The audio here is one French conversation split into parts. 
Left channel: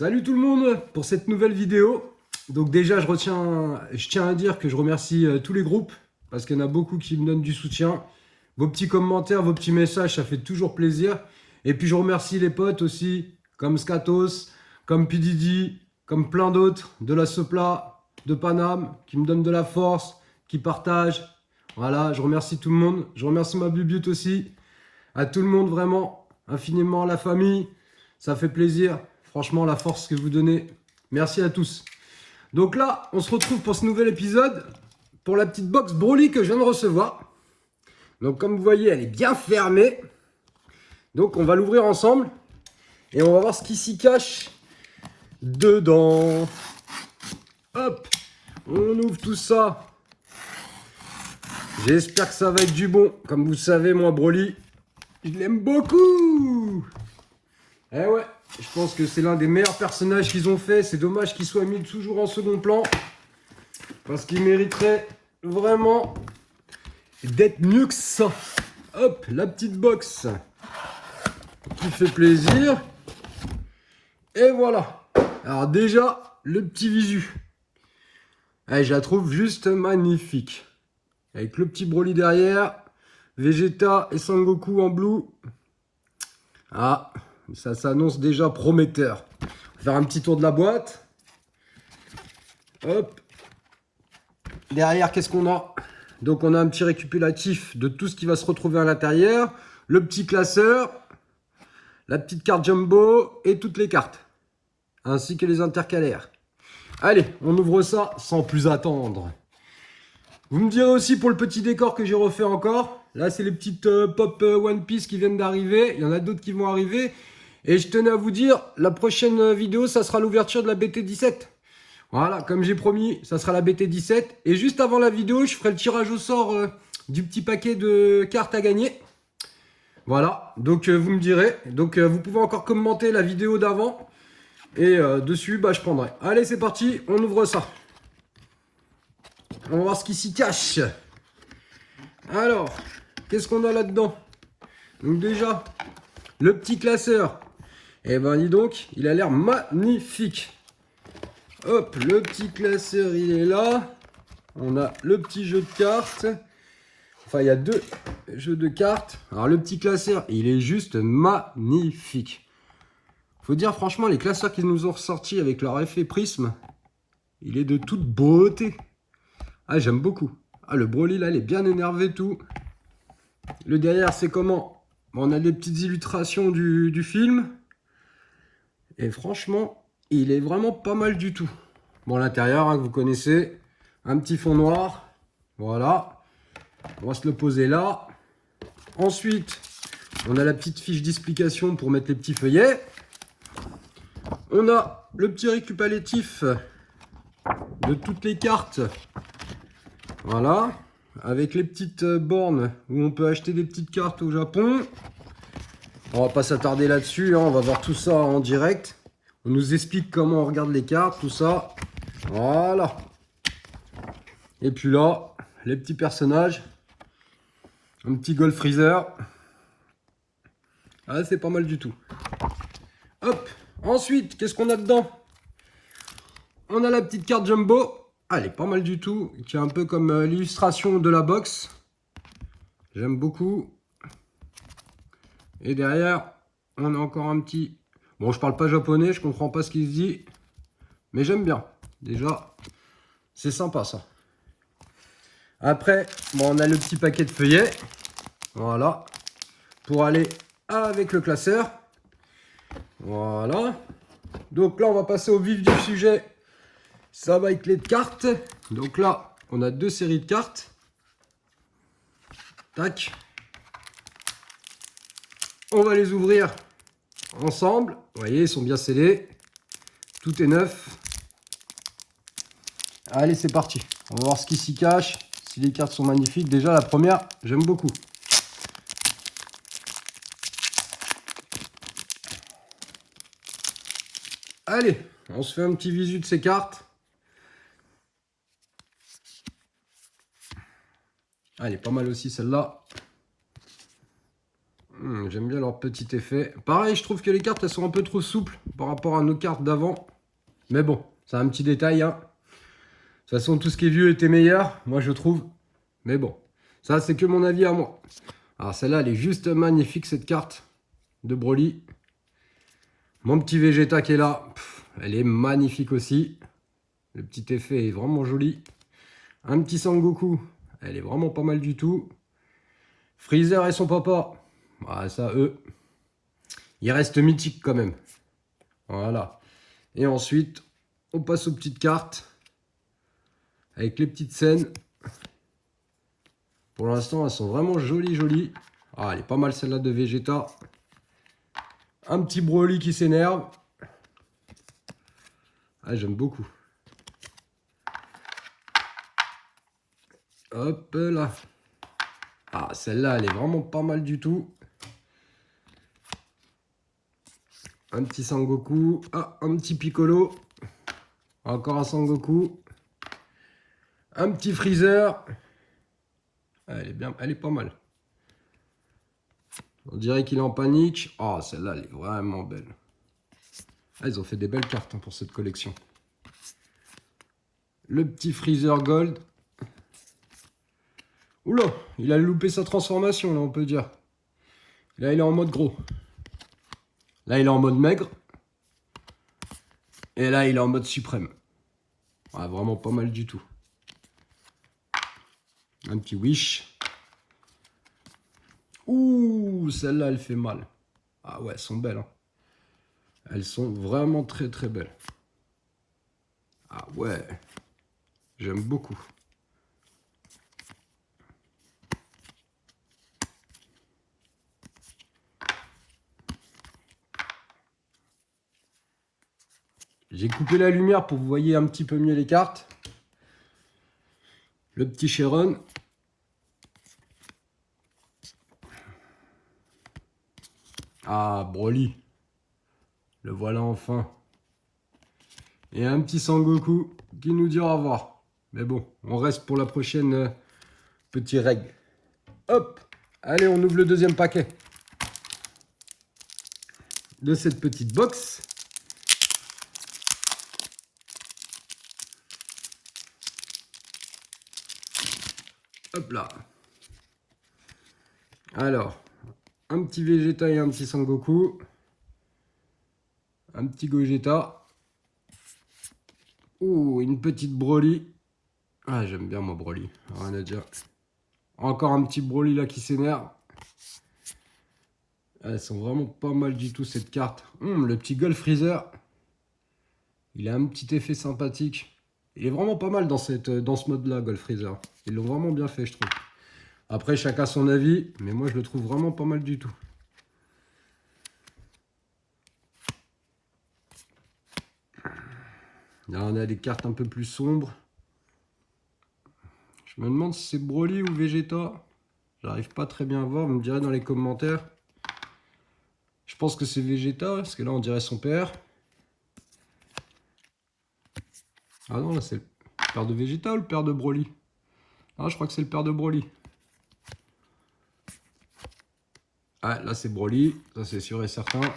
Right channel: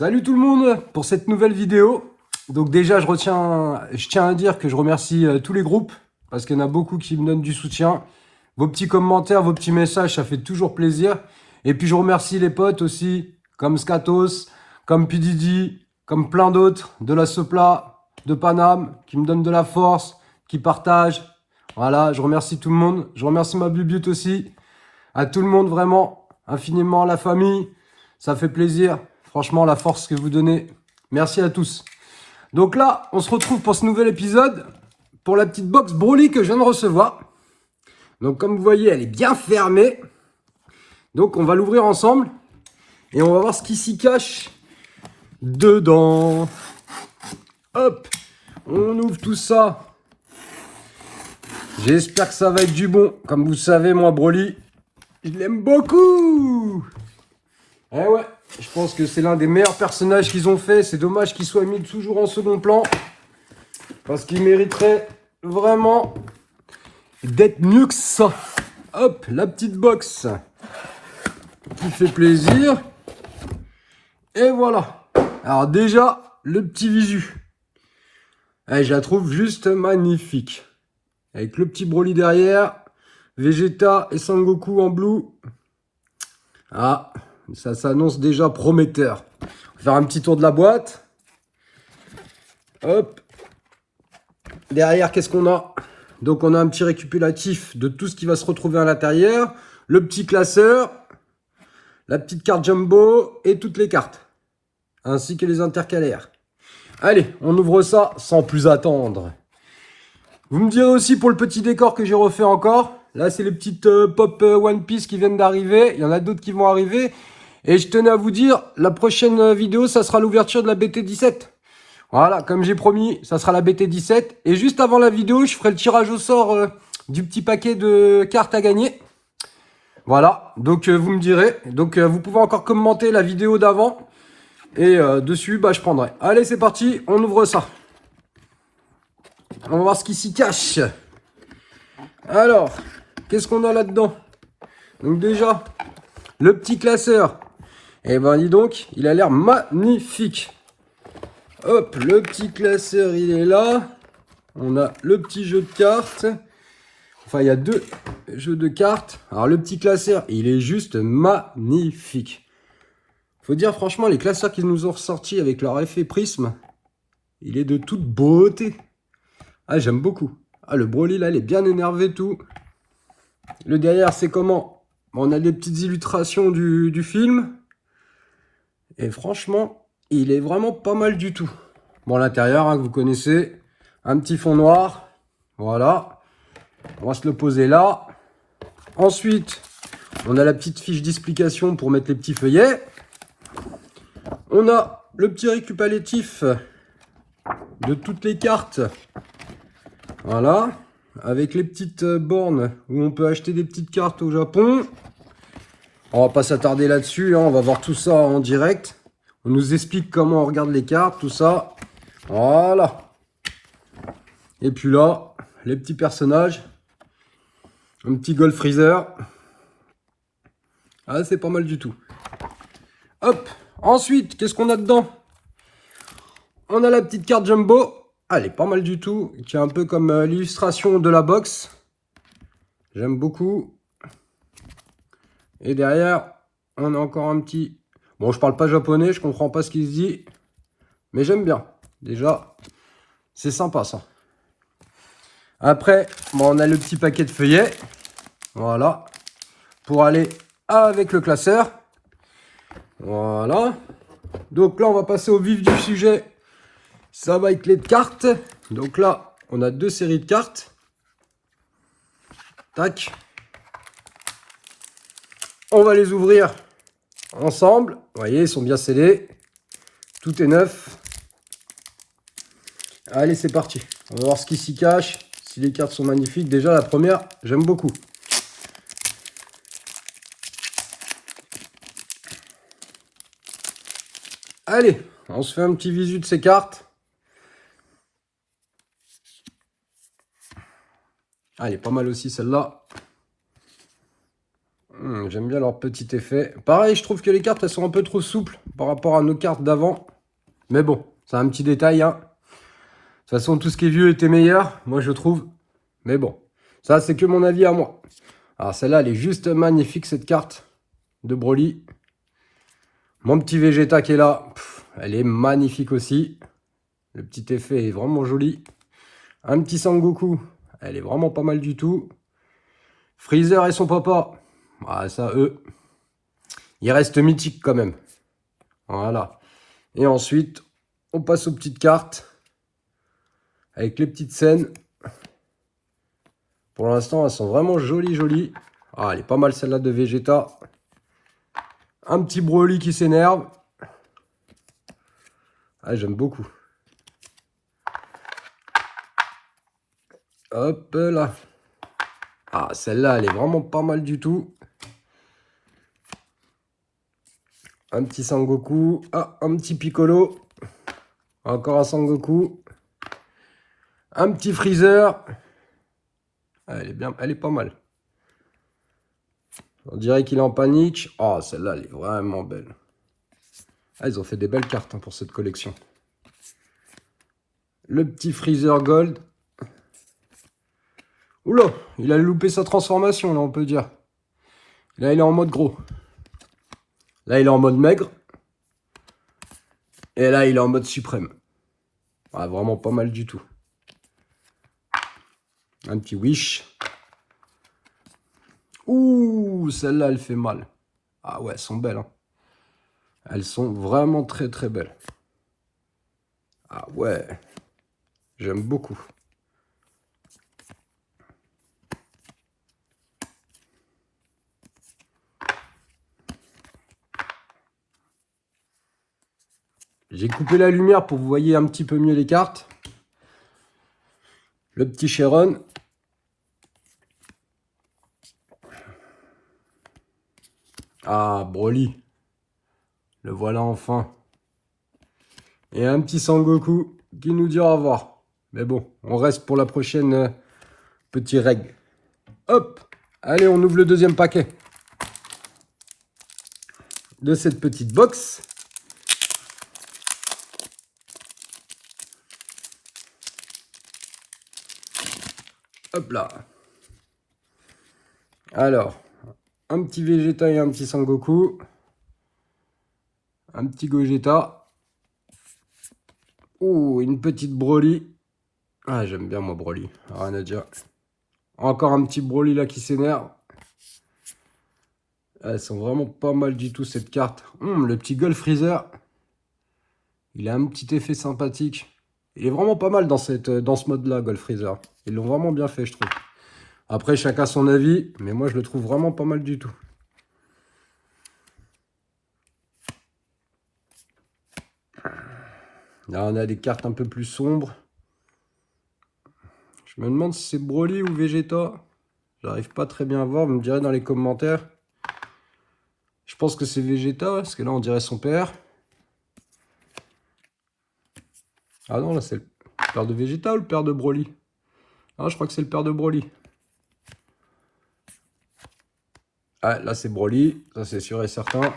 Salut tout le monde pour cette nouvelle vidéo. Donc déjà, je tiens à dire que je remercie tous les groupes parce qu'il y en a beaucoup qui me donnent du soutien. Vos petits commentaires, vos petits messages, ça fait toujours plaisir. Et puis je remercie les potes aussi, comme Skatos, comme Pididi, comme plein d'autres, de la Sopla, de Paname, qui me donnent de la force, qui partagent. Voilà, je remercie tout le monde. Je remercie ma Bubute aussi. À tout le monde, vraiment, infiniment, la famille. Ça fait plaisir. Franchement, la force que vous donnez. Merci à tous. Donc là, on se retrouve pour ce nouvel épisode. Pour la petite box Broly que je viens de recevoir. Donc comme vous voyez, elle est bien fermée. Donc on va l'ouvrir ensemble. Et on va voir ce qui s'y cache dedans. Hop, on ouvre tout ça. J'espère que ça va être du bon. Comme vous savez, moi, Broly, je l'aime beaucoup. Eh ouais, je pense que c'est l'un des meilleurs personnages qu'ils ont fait. C'est dommage qu'il soit mis toujours en second plan. Parce qu'il mériterait vraiment d'être mieux que ça. Hop, la petite box qui fait plaisir. Et voilà. Alors déjà, le petit visu. Eh, je la trouve juste magnifique. Avec le petit Broly derrière. Vegeta et Sangoku en blue. Ah, ça s'annonce déjà prometteur. On va faire un petit tour de la boîte. Hop. Derrière, qu'est-ce qu'on a? Donc, on a un petit récapitulatif de tout ce qui va se retrouver à l'intérieur. Le petit classeur. La petite carte jumbo et toutes les cartes. Ainsi que les intercalaires. Allez, on ouvre ça sans plus attendre. Vous me direz aussi pour le petit décor que j'ai refait encore. Là, c'est les petites pop One Piece qui viennent d'arriver. Il y en a d'autres qui vont arriver. Et je tenais à vous dire, la prochaine vidéo, ça sera l'ouverture de la BT17. Voilà, comme j'ai promis, ça sera la BT17. Et juste avant la vidéo, je ferai le tirage au sort du petit paquet de cartes à gagner. Voilà, donc vous me direz. Donc vous pouvez encore commenter la vidéo d'avant. Et dessus, bah, je prendrai. Allez, c'est parti, on ouvre ça. On va voir ce qui s'y cache. Alors, qu'est-ce qu'on a là-dedans? Donc déjà, le petit classeur. Eh ben dis donc, il a l'air magnifique. Hop, le petit classeur, il est là. On a le petit jeu de cartes. Enfin, il y a deux jeux de cartes. Alors, le petit classeur, il est juste magnifique. Faut dire, franchement, les classeurs qu'ils nous ont ressortis avec leur effet prisme, il est de toute beauté. Ah, j'aime beaucoup. Ah, le Broly, là, il est bien énervé, tout. Le derrière, c'est comment? On a des petites illustrations du film. Et franchement, il est vraiment pas mal du tout. Bon, l'intérieur, hein, que vous connaissez. Un petit fond noir. Voilà. On va se le poser là. Ensuite, on a la petite fiche d'explication pour mettre les petits feuillets. On a le petit récapitulatif de toutes les cartes. Voilà. Avec les petites bornes où on peut acheter des petites cartes au Japon. On va pas s'attarder là-dessus, hein, on va voir tout ça en direct. On nous explique comment on regarde les cartes, tout ça. Voilà. Et puis là, les petits personnages. Un petit Gold Freezer. Ah, c'est pas mal du tout. Hop. Ensuite, qu'est-ce qu'on a dedans? On a la petite carte Jumbo. Ah, elle est pas mal du tout. Qui est un peu comme l'illustration de la box. J'aime beaucoup. Et derrière, on a encore un petit... Bon, je parle pas japonais, je comprends pas ce qu'il se dit. Mais j'aime bien. Déjà, c'est sympa ça. Après, bon, on a le petit paquet de feuillets. Voilà. Pour aller avec le classeur. Voilà. Donc là, on va passer au vif du sujet. Ça va être les cartes. Donc là, on a deux séries de cartes. Tac. On va les ouvrir ensemble. Vous voyez, ils sont bien scellés. Tout est neuf. Allez, c'est parti. On va voir ce qui s'y cache. Si les cartes sont magnifiques. Déjà, la première, j'aime beaucoup. Allez, on se fait un petit visu de ces cartes. Ah, elle est pas mal aussi, celle-là. j'aime bien leur petit effet. Pareil, je trouve que les cartes, elles sont un peu trop souples par rapport à nos cartes d'avant. Mais bon, c'est un petit détail, hein. De toute façon, tout ce qui est vieux était meilleur, moi je trouve. Mais bon, ça c'est que mon avis à moi. Alors celle-là, elle est juste magnifique, cette carte de Broly. Mon petit Vegeta qui est là, elle est magnifique aussi. Le petit effet est vraiment joli. Un petit Sangoku, elle est vraiment pas mal du tout. Freezer et son papa, ah, ça, eux, ils restent mythiques quand même. Voilà. Et ensuite, on passe aux petites cartes. Avec les petites scènes. Pour l'instant, elles sont vraiment jolies, jolies. Ah, elle est pas mal celle-là de Vegeta. Un petit Broly qui s'énerve. Ah, j'aime beaucoup. Hop là. Ah, celle-là, elle est vraiment pas mal du tout. Un petit Sangoku. Ah, un petit Piccolo. Encore un Sangoku. Un petit Freezer. Ah, elle est bien, elle est pas mal. On dirait qu'il est en panique. Oh, celle-là, elle est vraiment belle. Ah, ils ont fait des belles cartes, hein, pour cette collection. Le petit Freezer Gold. Oula, il a loupé sa transformation, là, on peut dire. Là, il est en mode gros. Là, il est en mode maigre. Et là, il est en mode suprême. Ah, vraiment pas mal du tout. Un petit Wish. Ouh, celle-là, elle fait mal. Ah ouais, elles sont belles, hein. Elles sont vraiment très, très belles. Ah ouais, j'aime beaucoup. J'ai coupé la lumière pour que vous voyez un petit peu mieux les cartes. Le petit Sharon. Ah, Broly. Le voilà enfin. Et un petit Sangoku qui nous dit au revoir. Mais bon, on reste pour la prochaine petit règle. Hop. Allez, on ouvre le deuxième paquet de cette petite box. Hop là. Alors, un petit Vegeta et un petit Sangoku. Un petit Gogeta. Ouh, une petite Broly. Ah, j'aime bien moi Broly. Rien à dire. Encore un petit Broly là qui s'énerve. Elles sont vraiment pas mal du tout cette carte. Le petit Gold Freezer. Il a un petit effet sympathique. Il est vraiment pas mal dans ce mode-là, Gold Freezer. Ils l'ont vraiment bien fait, je trouve. Après, chacun son avis, mais moi, je le trouve vraiment pas mal du tout. Là, on a des cartes un peu plus sombres. Je me demande si c'est Broly ou Vegeta. J'arrive pas très bien à voir, vous me direz dans les commentaires. Je pense que c'est Vegeta, parce que là, on dirait son père. Ah non, là, c'est le père de Vegeta ou le père de Broly? Ah, je crois que c'est le père de Broly. Ah, là, c'est Broly, ça c'est sûr et certain.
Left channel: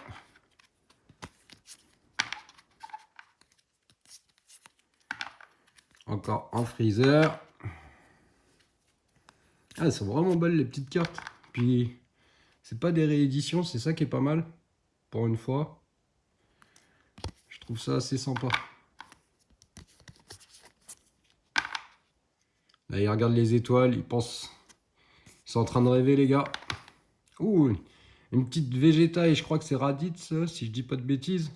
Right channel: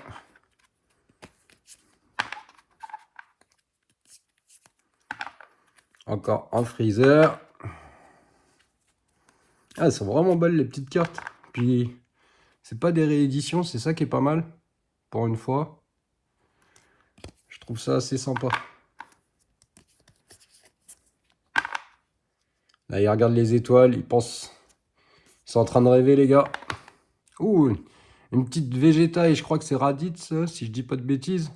Encore un Freezer. Ah, elles sont vraiment belles les petites cartes. Puis, c'est pas des rééditions, c'est ça qui est pas mal. Pour une fois. Je trouve ça assez sympa. Là, ils regardent les étoiles, ils pensent... Ils sont en train de rêver, les gars. Ouh, une petite Vegeta, et je crois que c'est Raditz, si je dis pas de bêtises.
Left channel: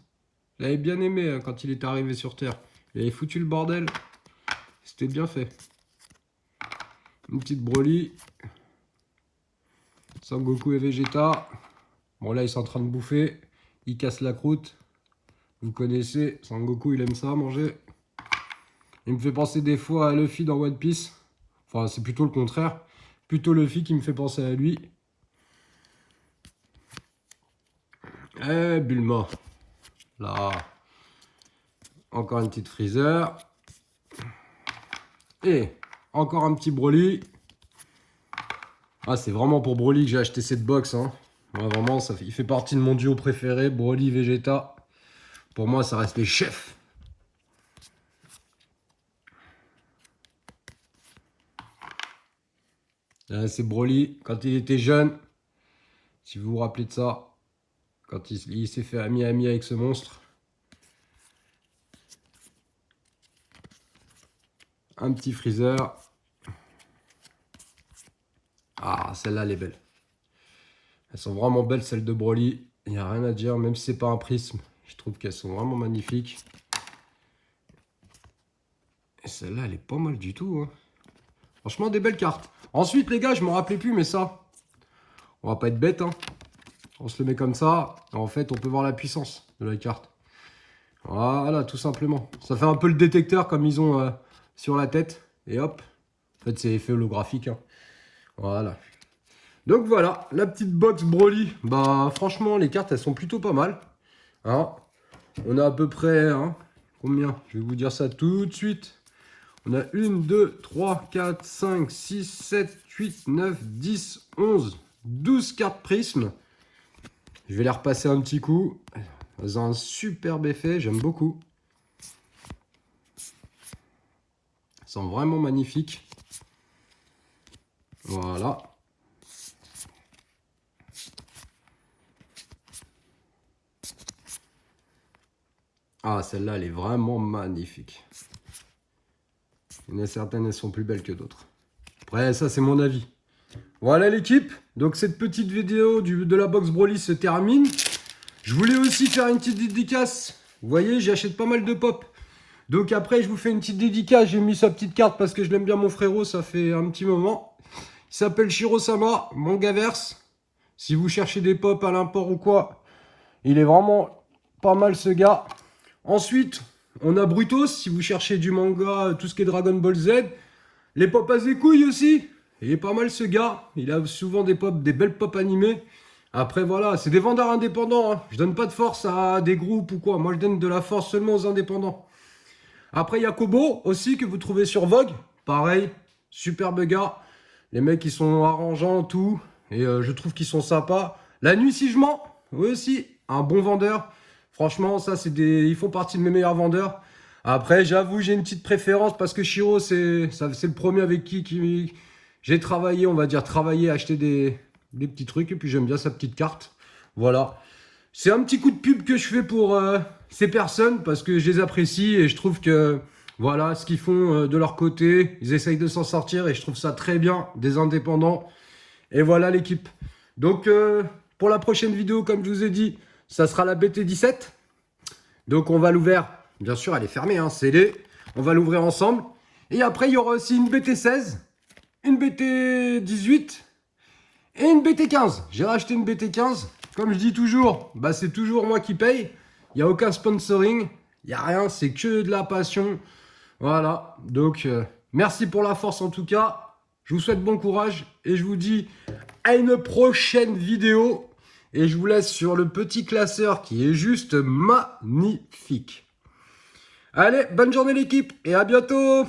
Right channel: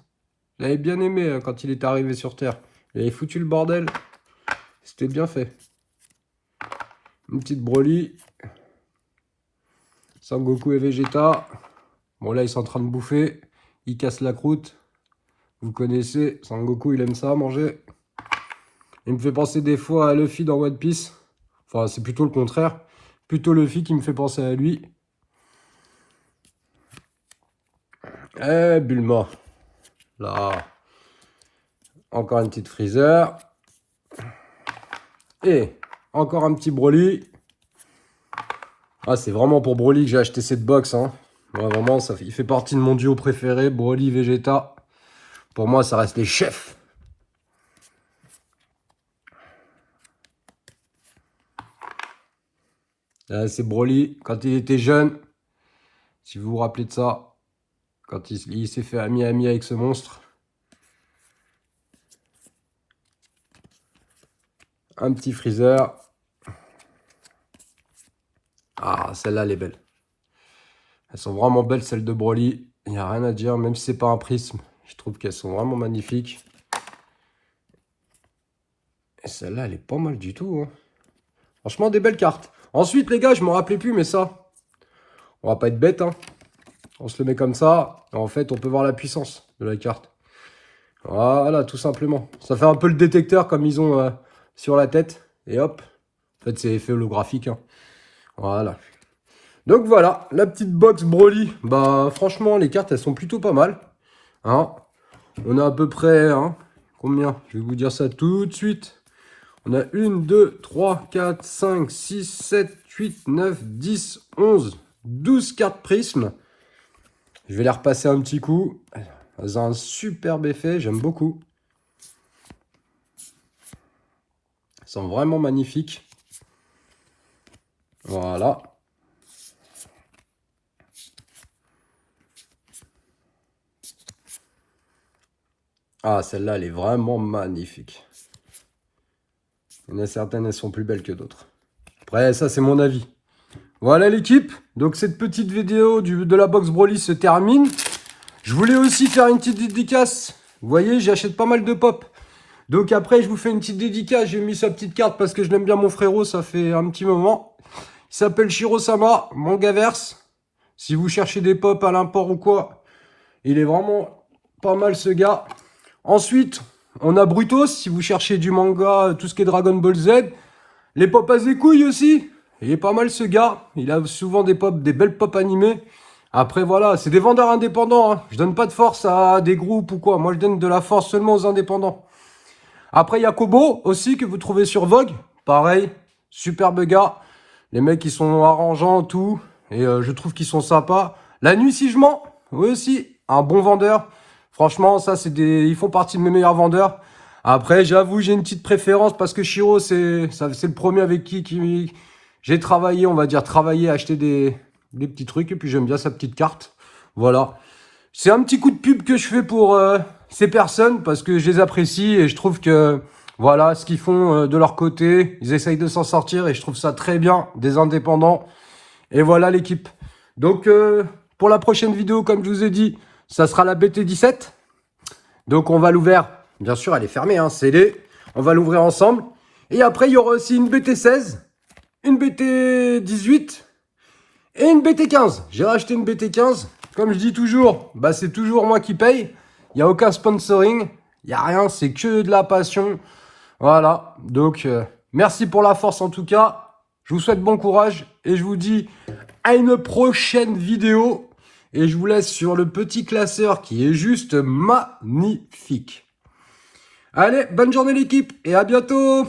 J'avais bien aimé quand il est arrivé sur Terre. Il avait foutu le bordel. C'était bien fait. Une petite Broly. Sangoku et Vegeta. Bon, là, ils sont en train de bouffer. Ils cassent la croûte. Vous connaissez, Sangoku, il aime ça, manger. Il me fait penser des fois à Luffy dans One Piece. Enfin, c'est plutôt le contraire. Plutôt Luffy qui me fait penser à lui. Eh, Bulma. Là. Encore une petite Freezer. Et encore un petit Broly. Ah, c'est vraiment pour Broly que j'ai acheté cette box, hein. Ouais, vraiment, il fait partie de mon duo préféré, Broly, Vegeta. Pour moi, ça reste les chefs. Là, c'est Broly, quand il était jeune. Si vous vous rappelez de ça. Quand il s'est fait ami avec ce monstre. Un petit Freezer. Ah, celle-là, elle est belle. Elles sont vraiment belles, celles de Broly. Il n'y a rien à dire, même si c'est pas un prisme. Je trouve qu'elles sont vraiment magnifiques. Et celle-là, elle est pas mal du tout. Hein. Franchement, des belles cartes. Ensuite, les gars, je m'en rappelais plus, mais ça, on va pas être bête. Hein. On se le met comme ça. Et en fait, on peut voir la puissance de la carte. Voilà, tout simplement. Ça fait un peu le détecteur comme ils ont sur la tête. Et hop. En fait, c'est effet holographique. Hein. Voilà. Donc voilà, la petite box Broly. Bah franchement, les cartes, elles sont plutôt pas mal. Hein, on a à peu près, hein, combien? Je vais vous dire ça tout de suite. On a 1, 2, 3, 4, 5, 6, 7, 8, 9, 10, 11, 12 cartes prismes. Je vais les repasser un petit coup. Elles ont un superbe effet, j'aime beaucoup. Elles sont vraiment magnifiques. Voilà. Ah, celle-là, elle est vraiment magnifique. Il y en a certaines, elles sont plus belles que d'autres. Après, ça, c'est mon avis. Voilà l'équipe. Donc, cette petite vidéo de la box Broly se termine. Je voulais aussi faire une petite dédicace. Vous voyez, j'achète pas mal de pop. Donc, après, je vous fais une petite dédicace. J'ai mis sa petite carte parce que je l'aime bien, mon frérot. Ça fait un petit moment. Il s'appelle Shiro-sama, Mangaverse. Si vous cherchez des pop à l'import ou quoi, il est vraiment pas mal ce gars. Ensuite, on a Brutos. Si vous cherchez du manga, tout ce qui est Dragon Ball Z. Les pop à couilles aussi. Il est pas mal ce gars. Il a souvent des pop, des belles pop animées. Après voilà, c'est des vendeurs indépendants. Hein. Je donne pas de force à des groupes ou quoi. Moi je donne de la force seulement aux indépendants. Après il y a Kobo aussi que vous trouvez sur Vogue. Pareil, superbe gars. Les mecs ils sont arrangeants, tout. Et je trouve qu'ils sont sympas. La nuit si je mens, oui aussi, un bon vendeur. Franchement, ça c'est ils font partie de mes meilleurs vendeurs. Après, j'avoue, j'ai une petite préférence parce que Shiro, c'est le premier avec qui j'ai travaillé, on va dire, acheter des petits trucs. Et puis, j'aime bien sa petite carte. Voilà. C'est un petit coup de pub que je fais pour ces personnes parce que je les apprécie et je trouve que, voilà, ce qu'ils font de leur côté, ils essayent de s'en sortir et je trouve ça très bien, des indépendants. Et voilà l'équipe. Donc, pour la prochaine vidéo, comme je vous ai dit, ça sera la BT17. Donc, on va l'ouvrir. Bien sûr, elle est fermée, hein, scellée. On va l'ouvrir ensemble. Et après, il y aura aussi une BT16, une BT18 et une BT15. J'ai racheté une BT15. Comme je dis toujours, bah, c'est toujours moi qui paye. Il n'y a aucun sponsoring. Il n'y a rien, c'est que de la passion. Voilà. Donc, merci pour la force en tout cas. Je vous souhaite bon courage. Et je vous dis à une prochaine vidéo. Et je vous laisse sur le petit classeur qui est juste magnifique. Allez, bonne journée l'équipe et à bientôt!